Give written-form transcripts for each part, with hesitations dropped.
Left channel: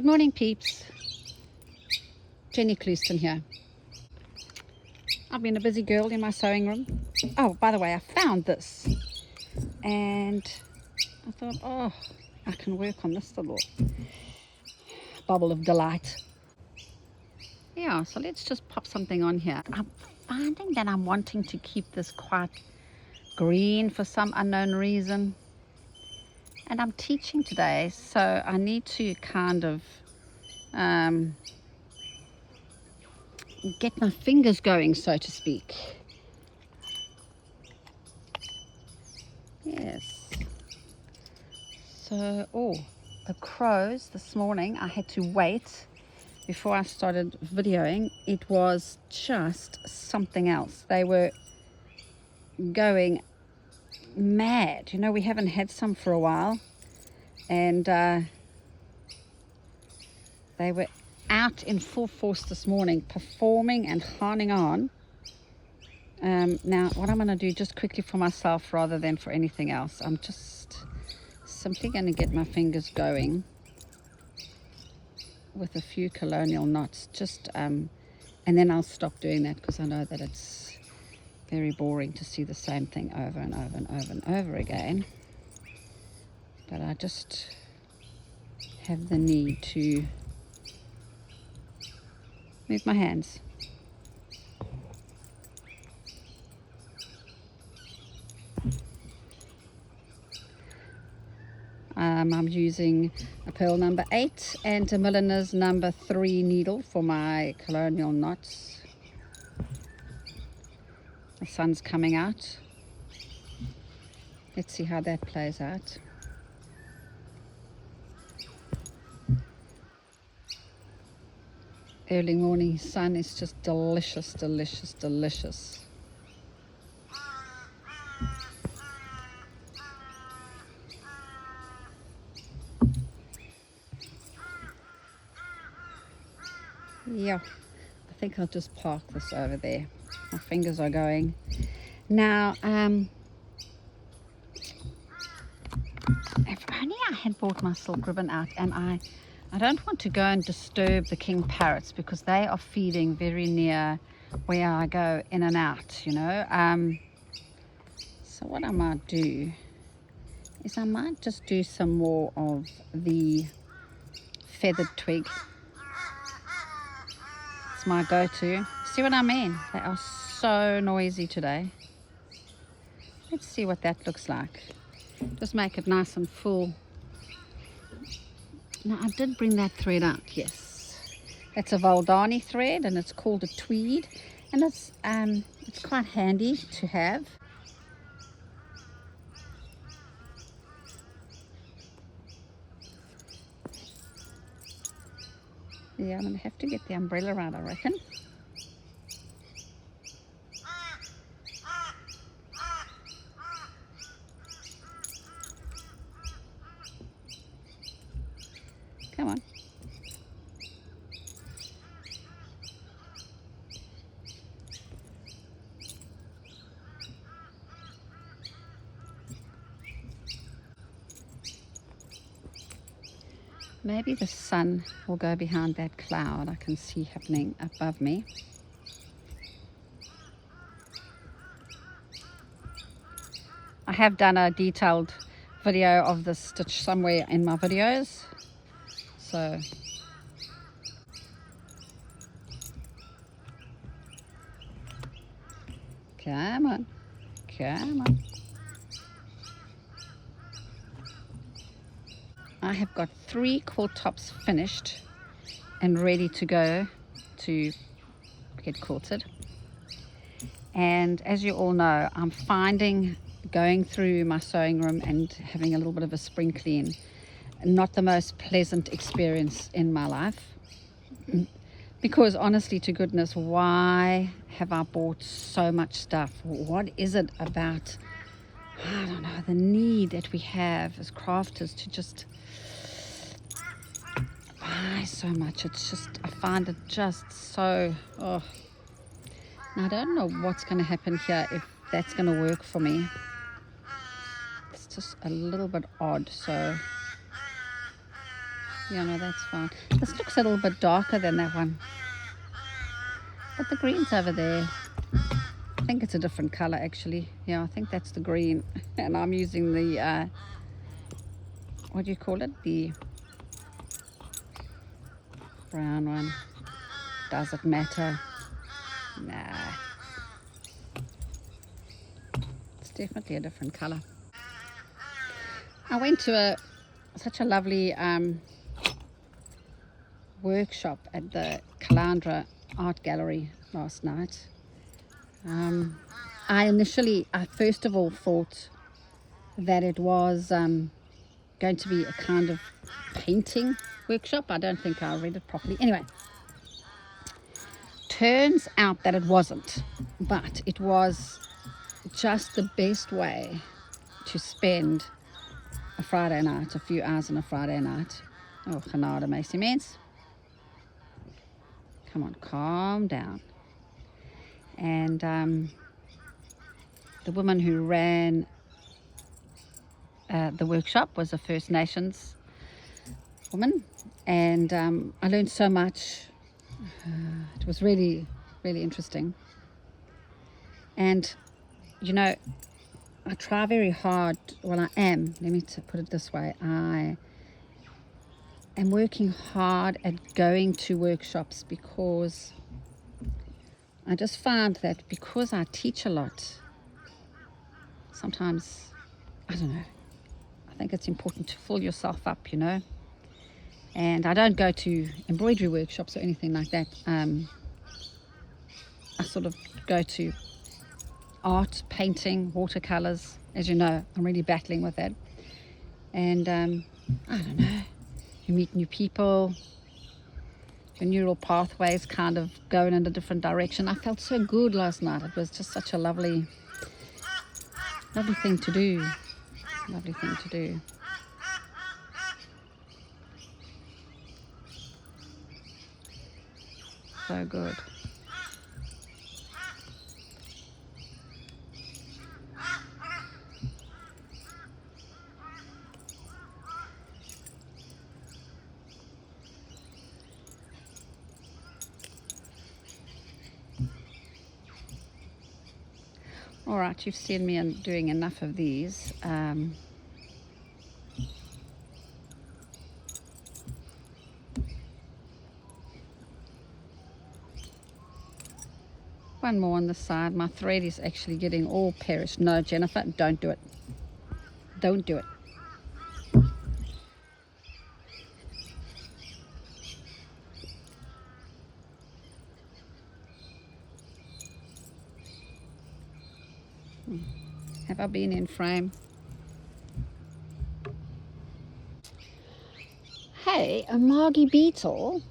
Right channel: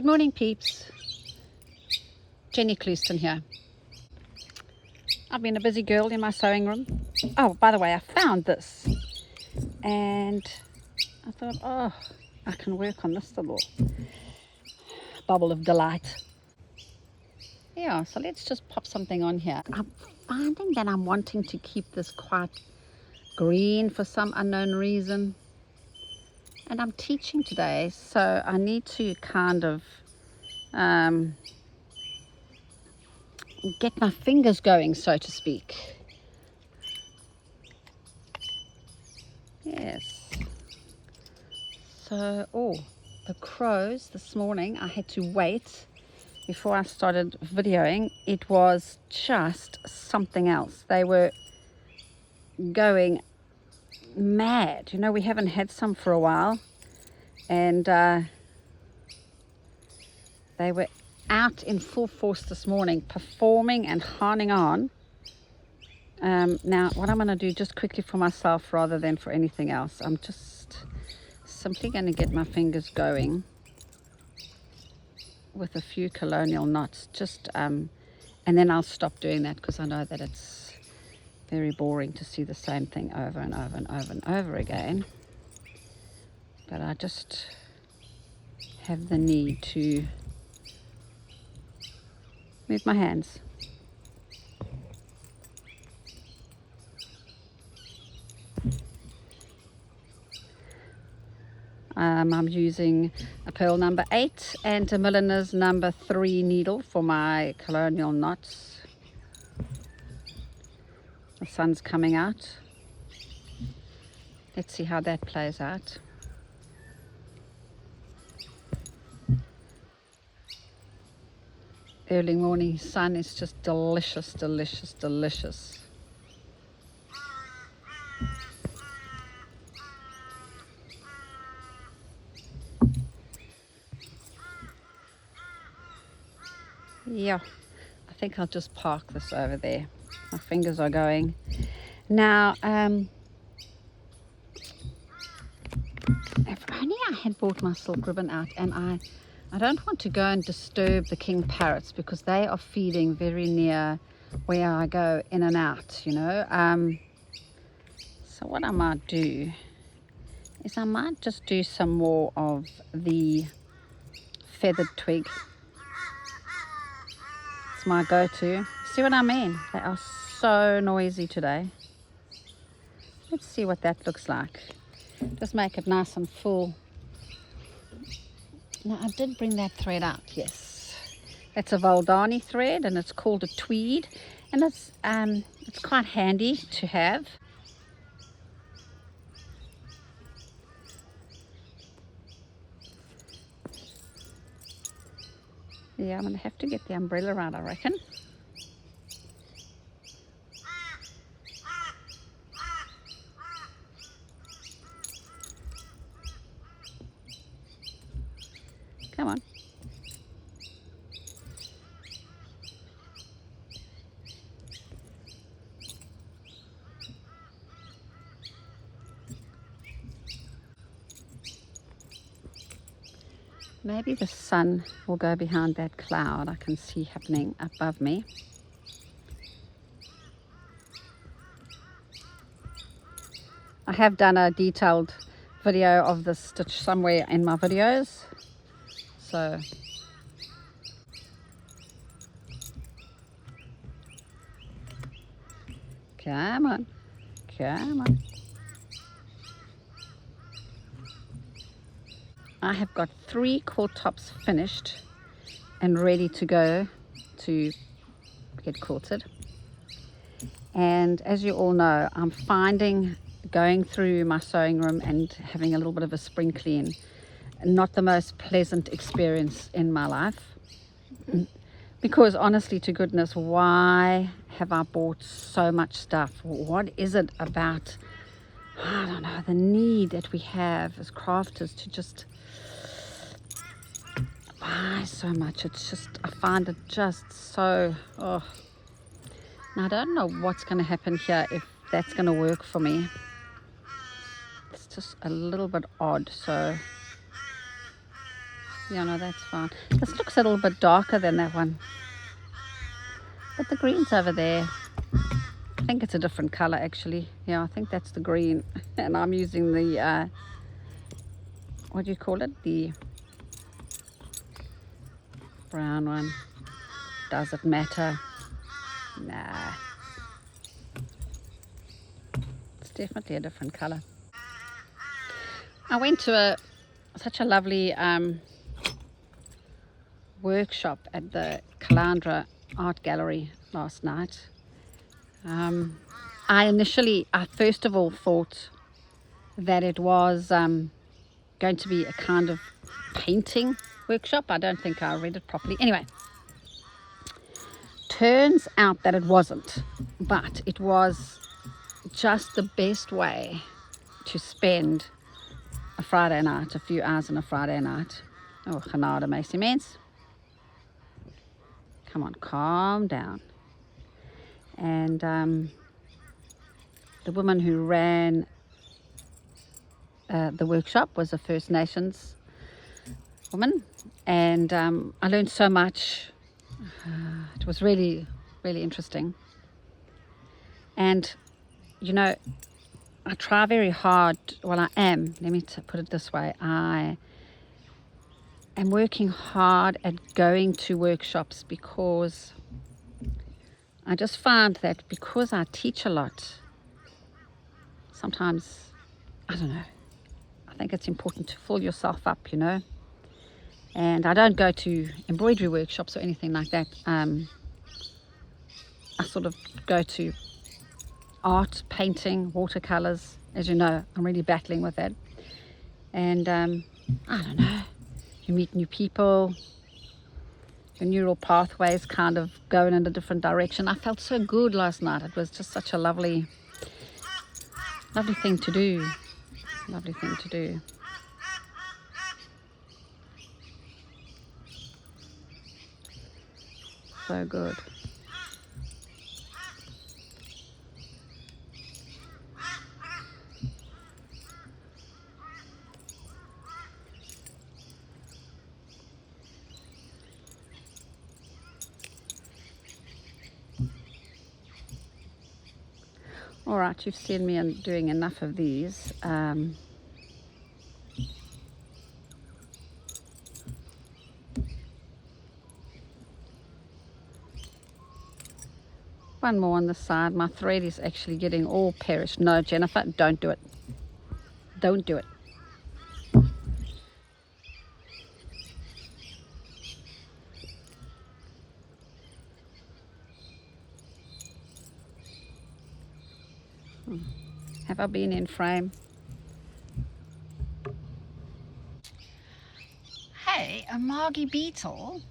Good morning, peeps. Jenny Clouston here. I've been a busy girl in my sewing room. Oh, by the way, I found this and I thought, oh, I can work on this little bubble of delight. Yeah, so let's just pop something on here. I'm finding that I'm wanting to keep this quite green for some unknown reason. And I'm teaching today, so I need to kind of get my fingers going, so to speak. Yes. So, the crows this morning, I had to wait before I started videoing. It was just something else. They were going mad. You know, we haven't had some for a while, and they were out in full force this morning, performing and honing on. Now what I'm going to do just quickly for myself rather than for anything else, I'm just simply going to get my fingers going with a few colonial knots, and then I'll stop doing that, because I know that it's very boring to see the same thing over and over and over and over again. But I just have the need to move my hands. I'm using a pearl number 8 and a milliner's number 3 needle for my colonial knots. The sun's coming out. Let's see how that plays out. Early morning sun is just delicious, delicious, delicious. Yeah, I think I'll just park this over there. My fingers are going. Now, if only I had brought my silk ribbon out, and I don't want to go and disturb the king parrots, because they are feeding very near where I go in and out, you know. So what I might do is I might just do some more of the feathered twig. It's my go-to. See what I mean? They are so noisy today. Let's see what that looks like. Just make it nice and full. Now, I did bring that thread out, yes. It's a Valdani thread, and it's called a tweed, and it's quite handy to have. Yeah, I'm going to have to get the umbrella out, I reckon. Come on. Maybe the sun will go behind that cloud I can see happening above me. I have done a detailed video of this stitch somewhere in my videos. So come on, come on. I have got 3 quilt tops finished and ready to go to get quilted. And as you all know, I'm finding going through my sewing room and having a little bit of a spring clean not the most pleasant experience in my life. Because honestly to goodness, why have I bought so much stuff? What is it about, I don't know, the need that we have as crafters to just buy so much? It's just, I find it just so, oh. Now I don't know what's going to happen here, if that's going to work for me. It's just a little bit odd. So Yeah, no, that's fine. This looks a little bit darker than that one. But the green's over there. I think it's a different color actually. Yeah, I think that's the green. And I'm using the, what do you call it? The brown one. Does it matter? Nah. It's definitely a different color. I went to such a lovely workshop at the Colonial Art Gallery last night. I first of all thought that it was going to be a kind of painting workshop. I don't think I read it properly. Anyway, turns out that it wasn't, but it was just the best way to spend a Friday night, a few hours on a Friday night. Oh, genade, meisje mens. Come on, calm down. And the woman who ran the workshop was a First Nations woman, and I learned so much. It was really, really interesting. And you know, I try very hard, well I am, let me put it this way, I am working hard at going to workshops because I just find that because I teach a lot, sometimes, I don't know, I think it's important to fill yourself up, you know. And I don't go to embroidery workshops or anything like that. I sort of go to art, painting, watercolors. As you know, I'm really battling with that. And I don't know, you meet new people, your neural pathways kind of going in a different direction. I felt so good last night. It was just such a lovely thing to do. Lovely thing to do. So good. All right, you've seen me doing enough of these. One more on the side. My thread is actually getting all perished. No, Jennifer, don't do it. Don't do it. Have I been in frame? Hey, Margie Beetle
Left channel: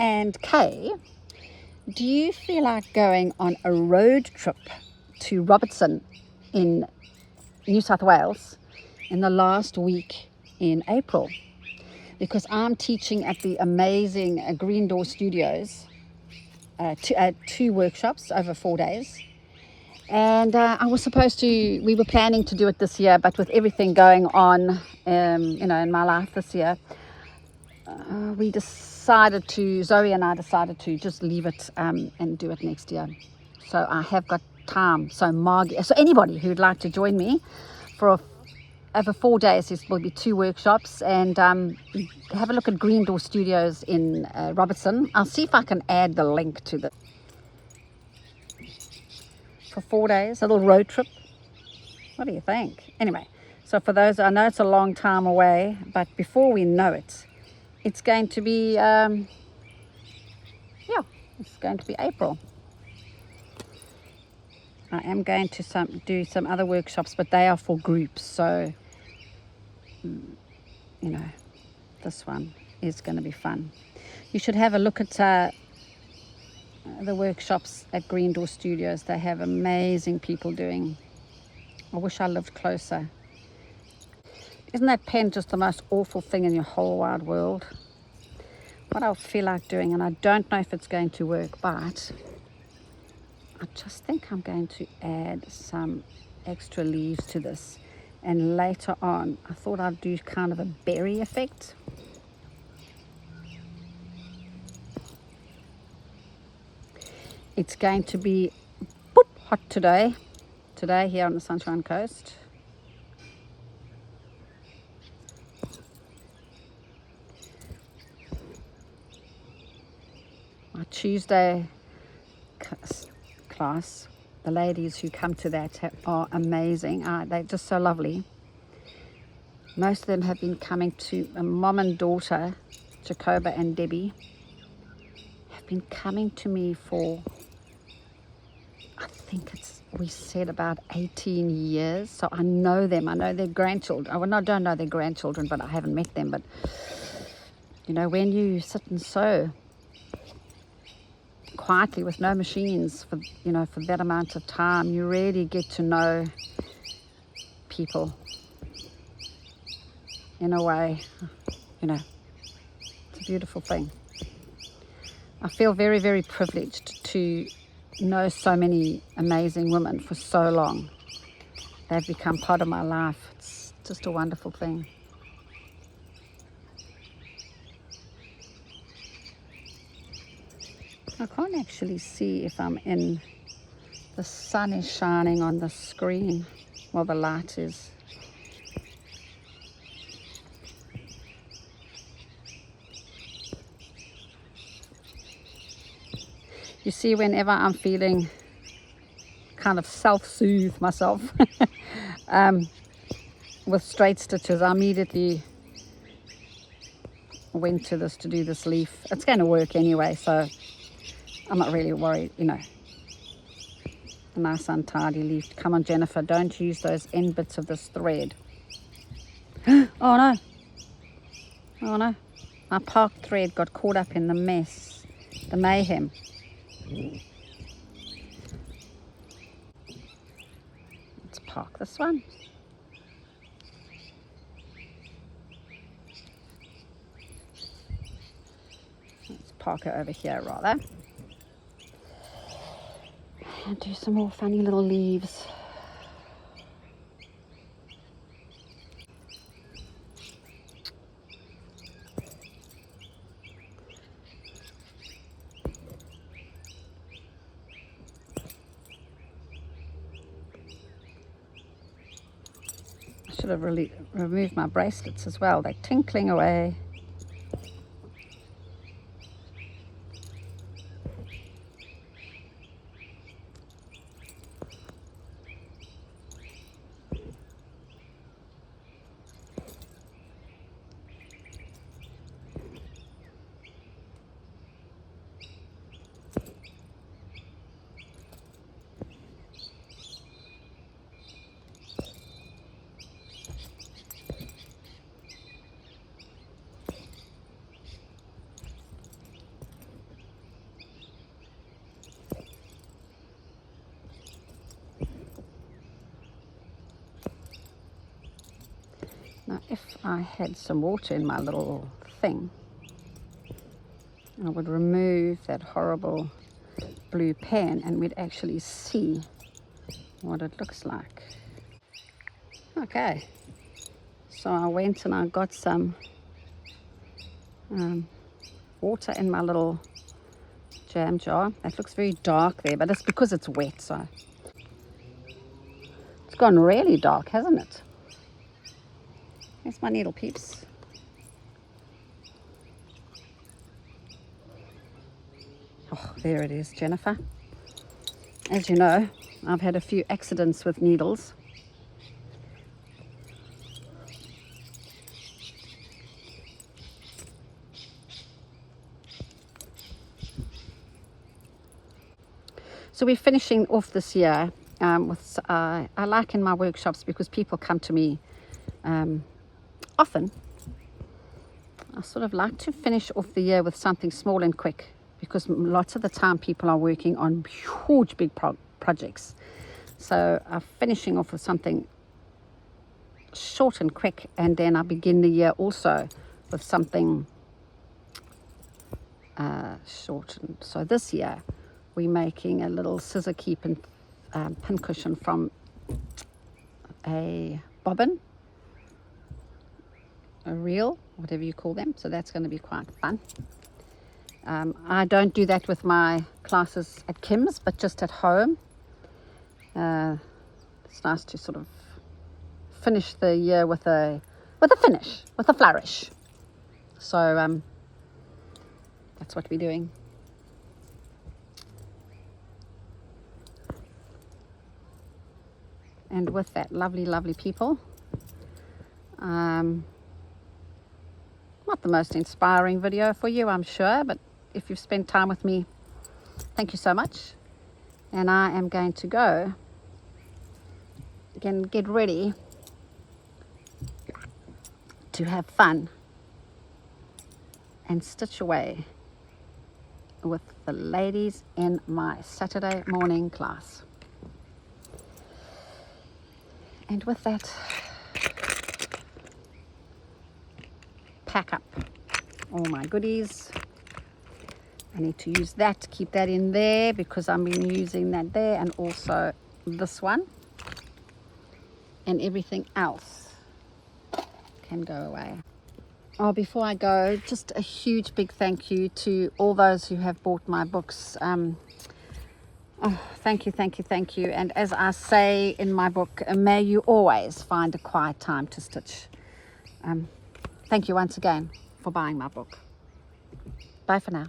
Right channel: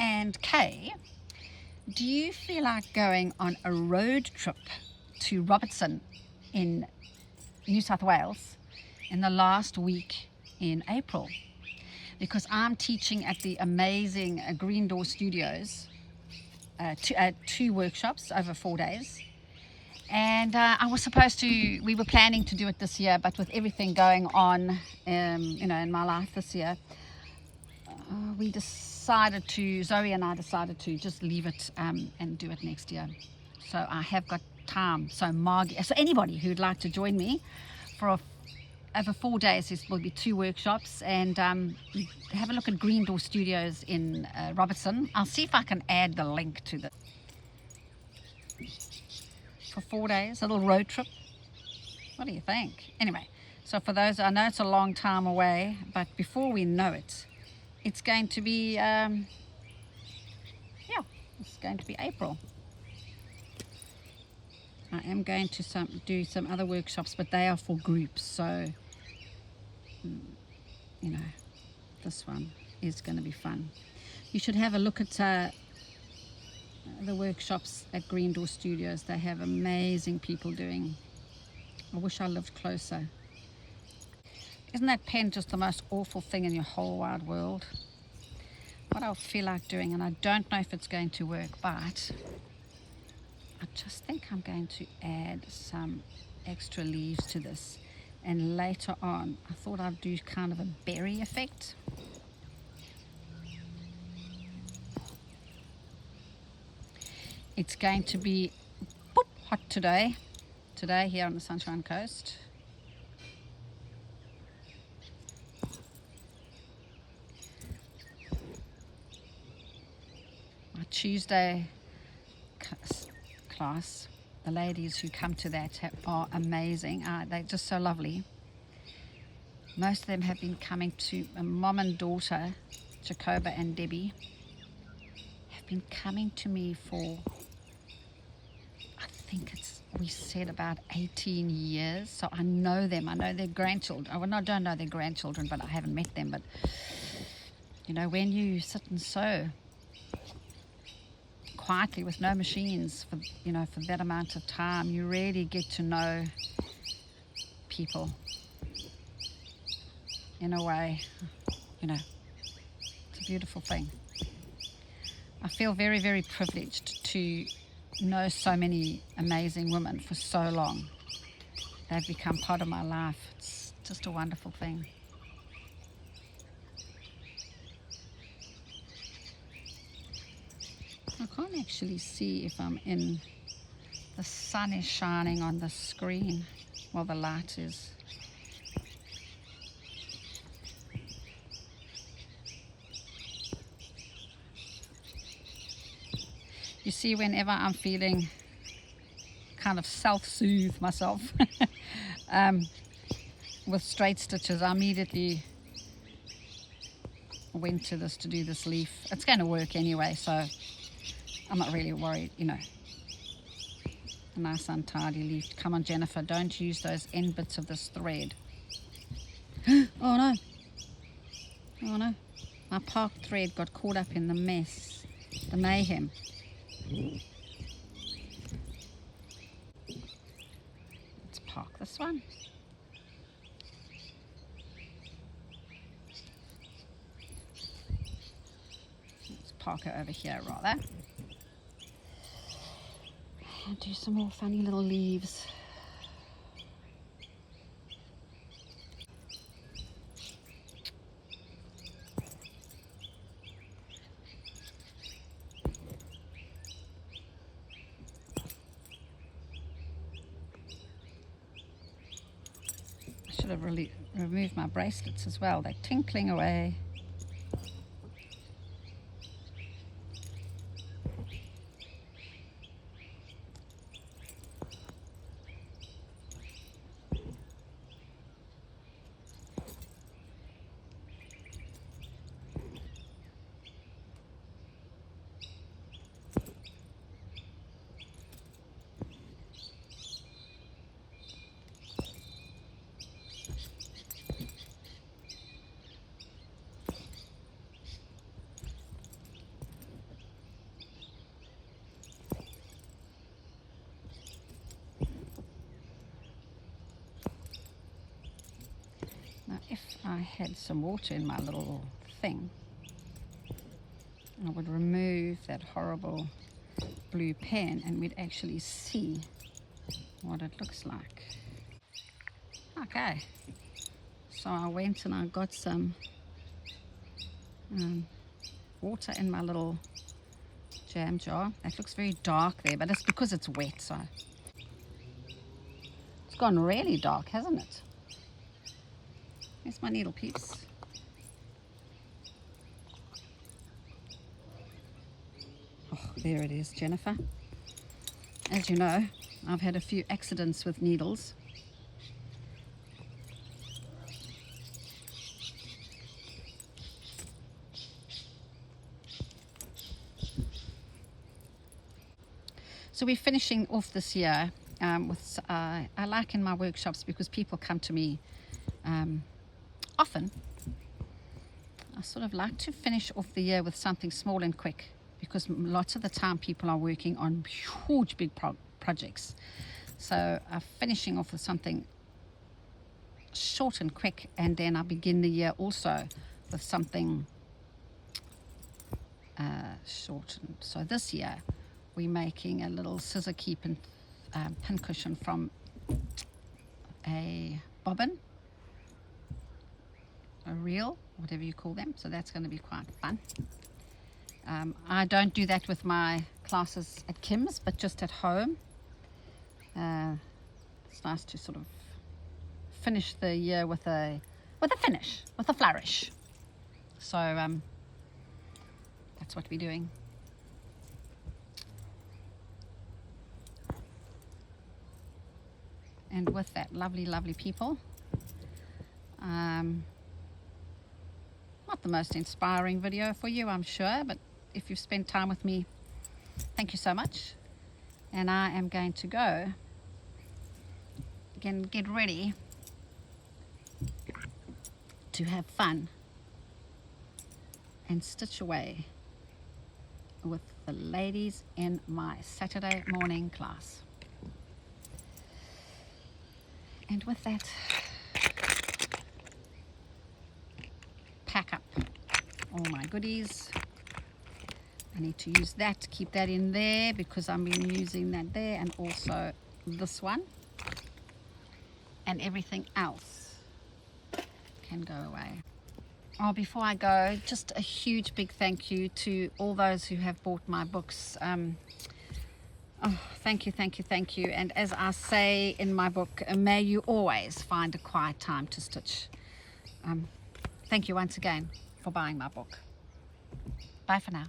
and Kay, do you feel like going on a road trip to Robertson in New South Wales in the last week in April? Because I'm teaching at the amazing Greendoor Studios, two workshops over 4 days. And we were planning to do it this year, but with everything going on, you know, in my life this year, Zoe and I decided to just leave it and do it next year. So I have got time. So anybody who'd like to join me for over 4 days, there will be 2 workshops, and have a look at Greendoor Studios in Robertson. I'll see if I can add the link to the for 4 days, a little road trip. What do you think? Anyway, so for those, I know it's a long time away, but before we know it, it's going to be, it's going to be April. I am going to do some other workshops, but they are for groups. So, you know, this one is going to be fun. You should have a look at the workshops at Greendoor Studios. They have amazing people doing. I wish I lived closer. Isn't that pen just the most awful thing in your whole wide world? What I feel like doing, and I don't know if it's going to work, but I just think I'm going to add some extra leaves to this, and later on I thought I'd do kind of a berry effect. It's going to be boop, hot today here on the Sunshine Coast. Our Tuesday class, the ladies who come to that are amazing. They're just so lovely. Most of them have been coming to a mom and daughter, Jacoba and Debbie, have been coming to me for, I think we said about 18 years. So I know them. I know their grandchildren. Well, I don't know their grandchildren, but I haven't met them. But, you know, when you sit and sew quietly with no machines for, you know, for that amount of time, you really get to know people in a way, you know. It's a beautiful thing. I feel very, very privileged to know so many amazing women for so long. They've become part of my life. It's just a wonderful thing. I can't actually see if I'm in. The sun is shining on the screen. Well, the light is. You see, whenever I'm feeling kind of self-soothe myself with straight stitches, I immediately went to this to do this leaf. It's going to work anyway, so I'm not really worried, you know. A nice untidy leaf. Come on, Jennifer, don't use those end bits of this thread. Oh no. Oh no. My park thread got caught up in the mess, the mayhem. Let's park this one. Let's park it over here rather. And do some more funny little leaves. I should have really removed my bracelets as well. They're tinkling away. Now, if I had some water in my little thing, I would remove that horrible blue pen and we'd actually see what it looks like. Okay, so I went and I got some water in my little jam jar. It looks very dark there, but it's because it's wet, so it's gone really dark, hasn't it? Here's my needle, Peeps. Oh, there it is, Jennifer. As you know, I've had a few accidents with needles. So we're finishing off this year with, I like in my workshops, because people come to me often, I sort of like to finish off the year with something small and quick, because lots of the time people are working on huge big projects. So I'm finishing off with something short and quick, and then I begin the year also with something short. And so this year we're making a little scissor keep and pin cushion from a bobbin, a reel, whatever you call them. So that's going to be quite fun. I don't do that with my classes at Kim's, but just at home. It's nice to sort of finish the year with a finish, with a flourish. So that's what we're doing. And with that, lovely people. Not the most inspiring video for you, I'm sure, but if you've spent time with me, thank you so much. And I am going to go again, get ready to have fun and stitch away with the ladies in my Saturday morning class. And with that, pack up all my goodies. I need to use that to keep that in there because I've been using that there, and also this one, and everything else can go away. Oh, before I go, just a huge big thank you to all those who have bought my books. Oh, thank you. And as I say in my book, may you always find a quiet time to stitch. Thank you once again for buying my book. Bye for now.